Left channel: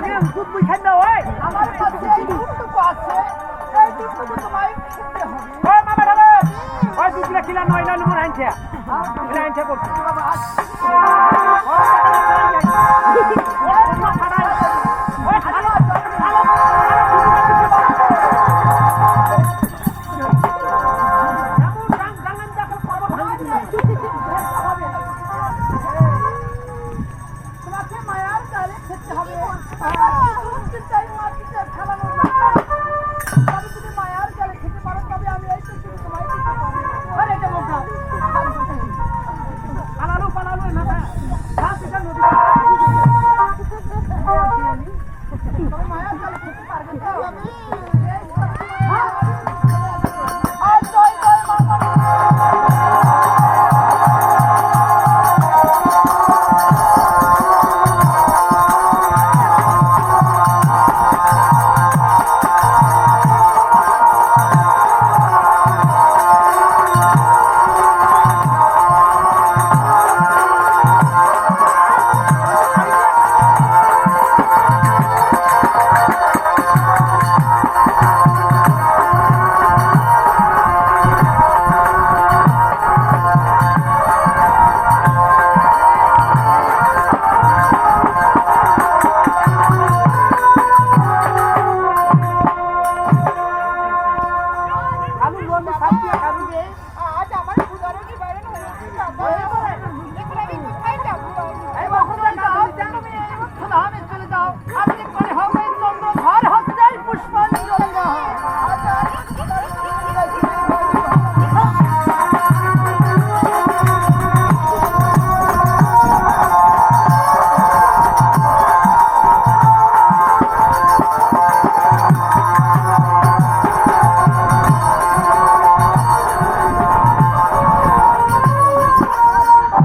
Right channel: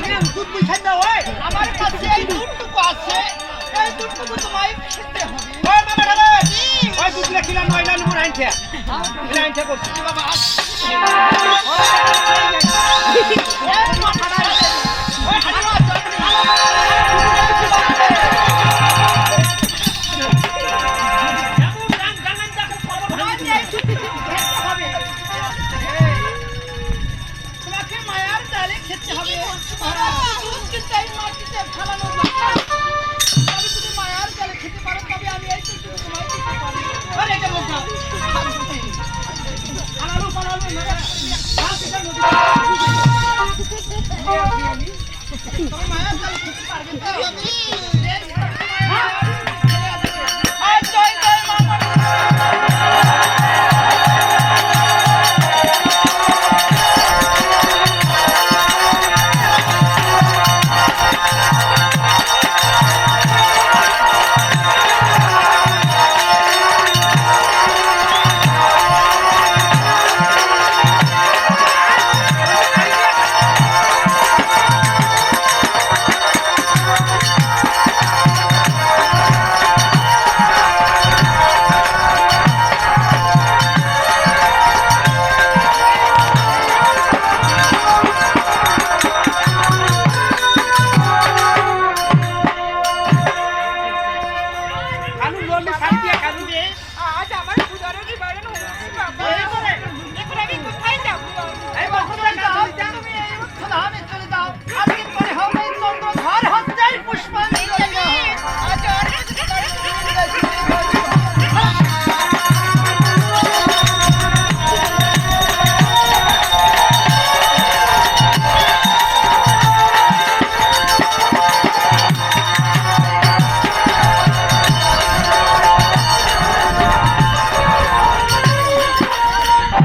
আগে দুধ বুঝাই দাও ওই আমার কাছে এই দুধটুকু আছে এই দুধটুকু তোমায় খেতে হবে ওই মামা রে ওই দুধটা কিলা ময়না নুর আনছে আনছে করছি বাবা তোমাকে মায়ার ডালে খেতে হবে দুধ কিন্তু এই মাটিতে ফেলানো যাবে তবে তুমি মায়ার ডালে খেতে পারো তবে আমি এই দুধটুকু তোমায় দিতে পারি আরে এটা বলছো আলালু পালালু না তুমি মায়ার ডালে খেতে পারবে তো